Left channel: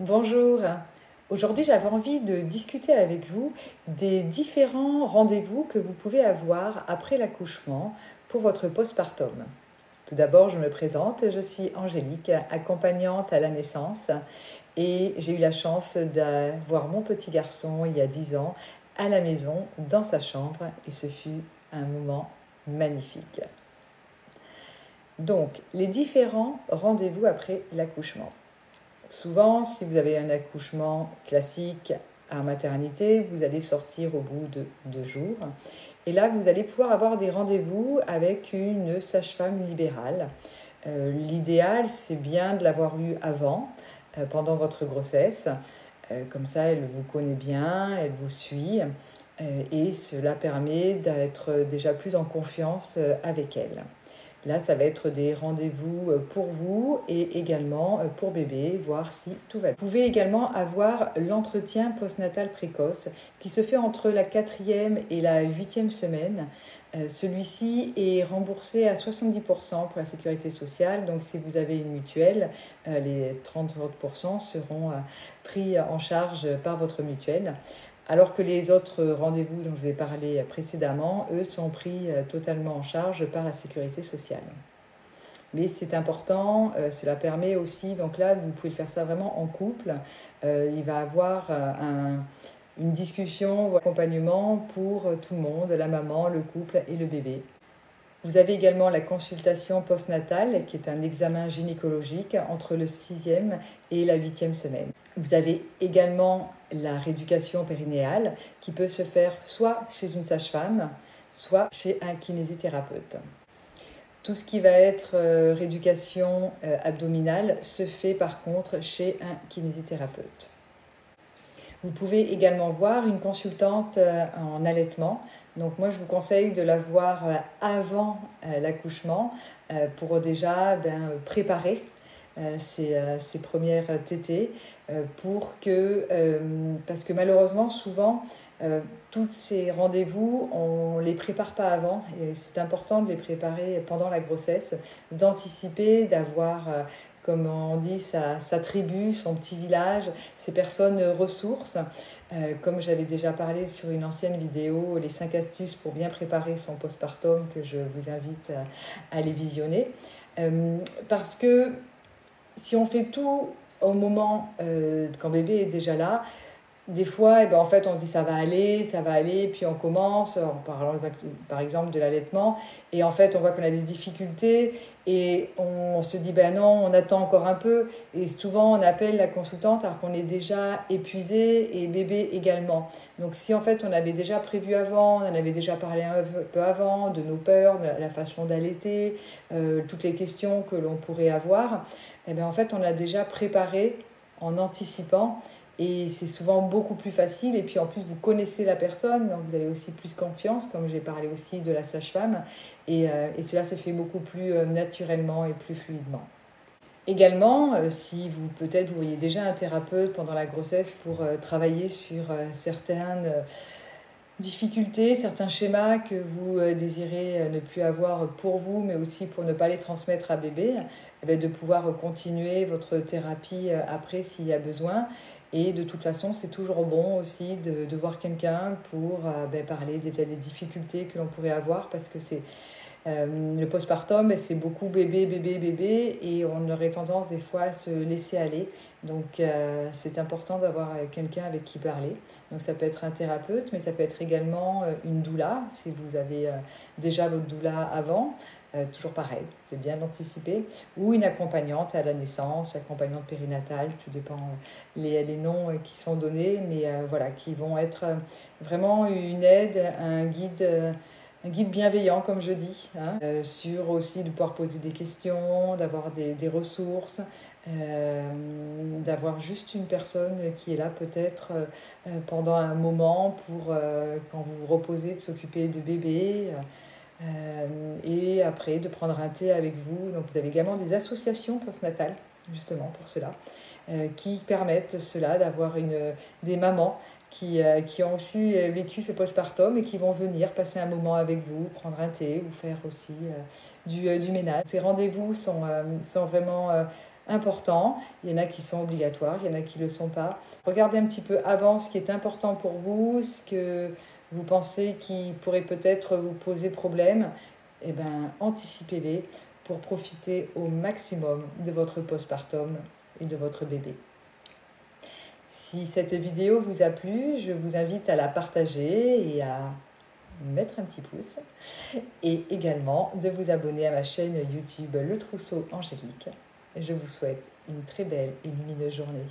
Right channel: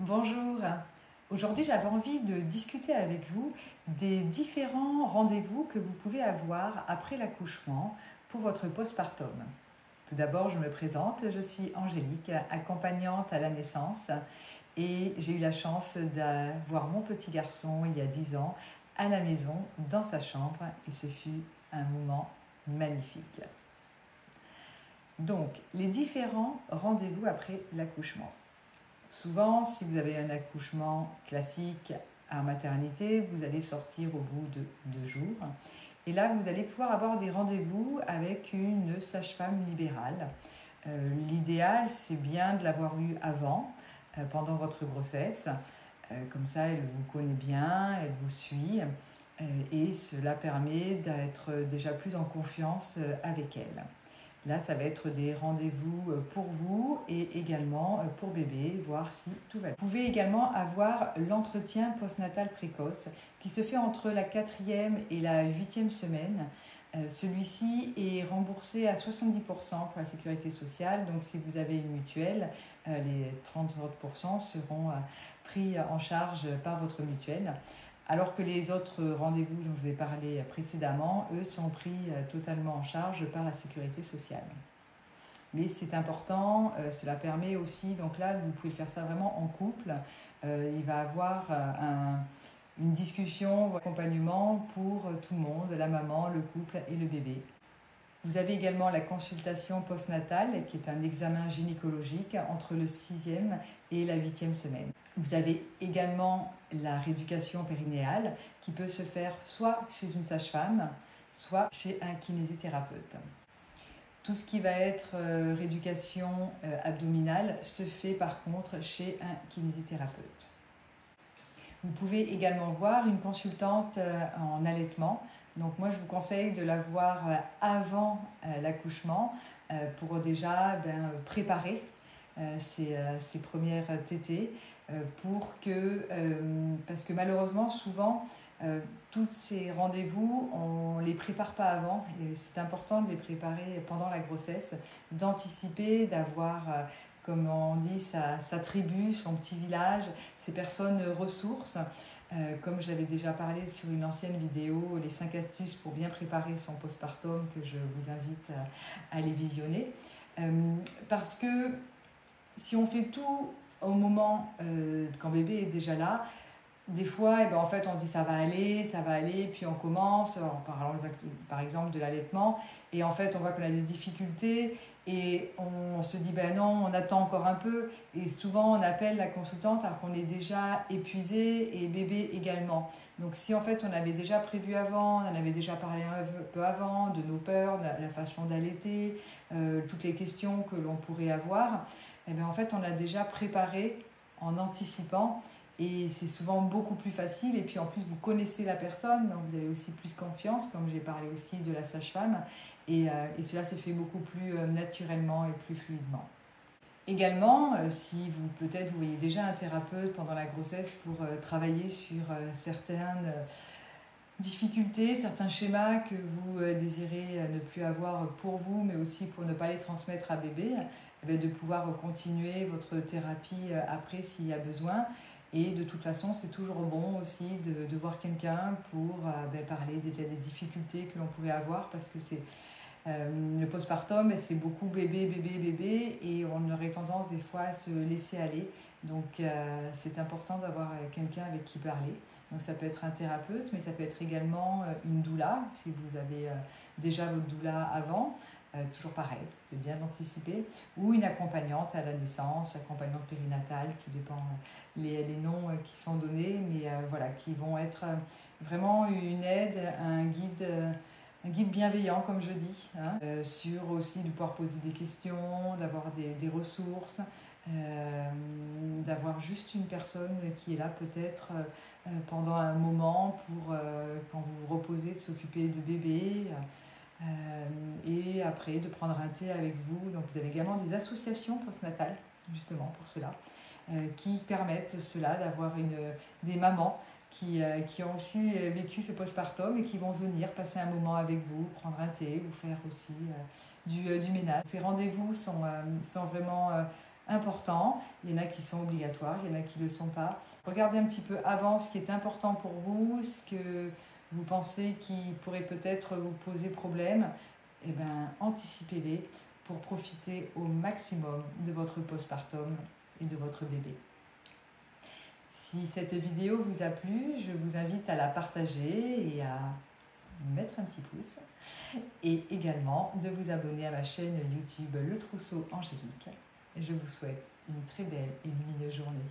Bonjour. Aujourd'hui, j'avais envie de discuter avec vous des différents rendez-vous que vous pouvez avoir après l'accouchement pour votre postpartum. Tout d'abord, je me présente, je suis Angélique, accompagnante à la naissance et j'ai eu la chance d'avoir mon petit garçon il y a 10 ans à la maison, dans sa chambre, et ce fut un moment magnifique. Donc, les différents rendez-vous après l'accouchement. Souvent, si vous avez un accouchement classique à maternité, vous allez sortir au bout de 2 jours. Et là, vous allez pouvoir avoir des rendez-vous avec une sage-femme libérale. L'idéal, c'est bien de l'avoir eu avant, pendant votre grossesse. Comme ça, elle vous connaît bien, elle vous suit. Et cela permet d'être déjà plus en confiance avec elle. Là, ça va être des rendez-vous pour vous et également pour bébé, voir si tout va bien. Vous pouvez également avoir l'entretien postnatal précoce qui se fait entre la 4e et la 8e semaine. Celui-ci est remboursé à 70% pour la sécurité sociale. Donc, si vous avez une mutuelle, les 30% seront pris en charge par votre mutuelle. Alors que les autres rendez-vous dont je vous ai parlé précédemment, eux, sont pris totalement en charge par la sécurité sociale. Mais c'est important, cela permet aussi, donc là, vous pouvez faire ça vraiment en couple. Il va y avoir une discussion ou accompagnement pour tout le monde, la maman, le couple et le bébé. Vous avez également la consultation postnatale, qui est un examen gynécologique entre le 6e et la 8e semaine. Vous avez également la rééducation périnéale, qui peut se faire soit chez une sage-femme, soit chez un kinésithérapeute. Tout ce qui va être rééducation abdominale se fait par contre chez un kinésithérapeute. Vous pouvez également voir une consultante en allaitement. Donc moi, je vous conseille de la voir avant l'accouchement pour déjà préparer ses premières tétées parce que malheureusement, souvent, tous ces rendez-vous, on ne les prépare pas avant. Et c'est important de les préparer pendant la grossesse, d'anticiper, d'avoir comme on dit, sa tribu, son petit village, ses personnes ressources. Comme j'avais déjà parlé sur une ancienne vidéo, les 5 astuces pour bien préparer son postpartum, que je vous invite à les visionner. Parce que si on fait tout au moment quand bébé est déjà là, des fois, en fait, on dit ça va aller, puis on commence en parlant par exemple de l'allaitement, et en fait, on voit qu'on a des difficultés, et on se dit, ben non, on attend encore un peu, et souvent, on appelle la consultante alors qu'on est déjà épuisé, et bébé également. Donc, si en fait, on avait déjà prévu avant, on en avait déjà parlé un peu avant, de nos peurs, de la façon d'allaiter, toutes les questions que l'on pourrait avoir, en fait, on a déjà préparé en anticipant. Et c'est souvent beaucoup plus facile. Et puis en plus, vous connaissez la personne, donc vous avez aussi plus confiance, comme j'ai parlé aussi de la sage-femme. Et cela se fait beaucoup plus naturellement et plus fluidement. Également, si peut-être vous voyez déjà un thérapeute pendant la grossesse pour travailler sur certaines difficultés, certains schémas que vous désirez ne plus avoir pour vous, mais aussi pour ne pas les transmettre à bébé, de pouvoir continuer votre thérapie après s'il y a besoin. Et de toute façon, c'est toujours bon aussi de voir quelqu'un pour parler des difficultés que l'on pourrait avoir, parce que c'est le postpartum, c'est beaucoup bébé, bébé, bébé, et on aurait tendance des fois à se laisser aller. Donc c'est important d'avoir quelqu'un avec qui parler. Donc ça peut être un thérapeute, mais ça peut être également une doula, si vous avez déjà votre doula avant. Toujours pareil, c'est bien d'anticiper, ou une accompagnante à la naissance, accompagnante périnatale, tout dépend les noms qui sont donnés, mais voilà, qui vont être vraiment une aide, un guide bienveillant, comme je dis, hein, sur aussi de pouvoir poser des questions, d'avoir des ressources, d'avoir juste une personne qui est là peut-être pendant un moment pour, quand vous vous reposez, de s'occuper de bébé. Et après de prendre un thé avec vous. Donc vous avez également des associations postnatales justement pour cela, qui permettent cela, d'avoir des mamans qui ont aussi vécu ce postpartum et qui vont venir passer un moment avec vous, prendre un thé ou faire aussi du ménage. Ces rendez-vous sont vraiment importants, il y en a qui sont obligatoires, il y en a qui ne le sont pas. Regardez un petit peu avant ce qui est important pour vous, ce que vous pensez qui pourrait peut-être vous poser problème, et bien anticipez-les pour profiter au maximum de votre postpartum et de votre bébé. Si cette vidéo vous a plu, je vous invite à la partager et à mettre un petit pouce et également de vous abonner à ma chaîne YouTube Le Trousseau Angélique. Je vous souhaite une très belle et lumineuse journée.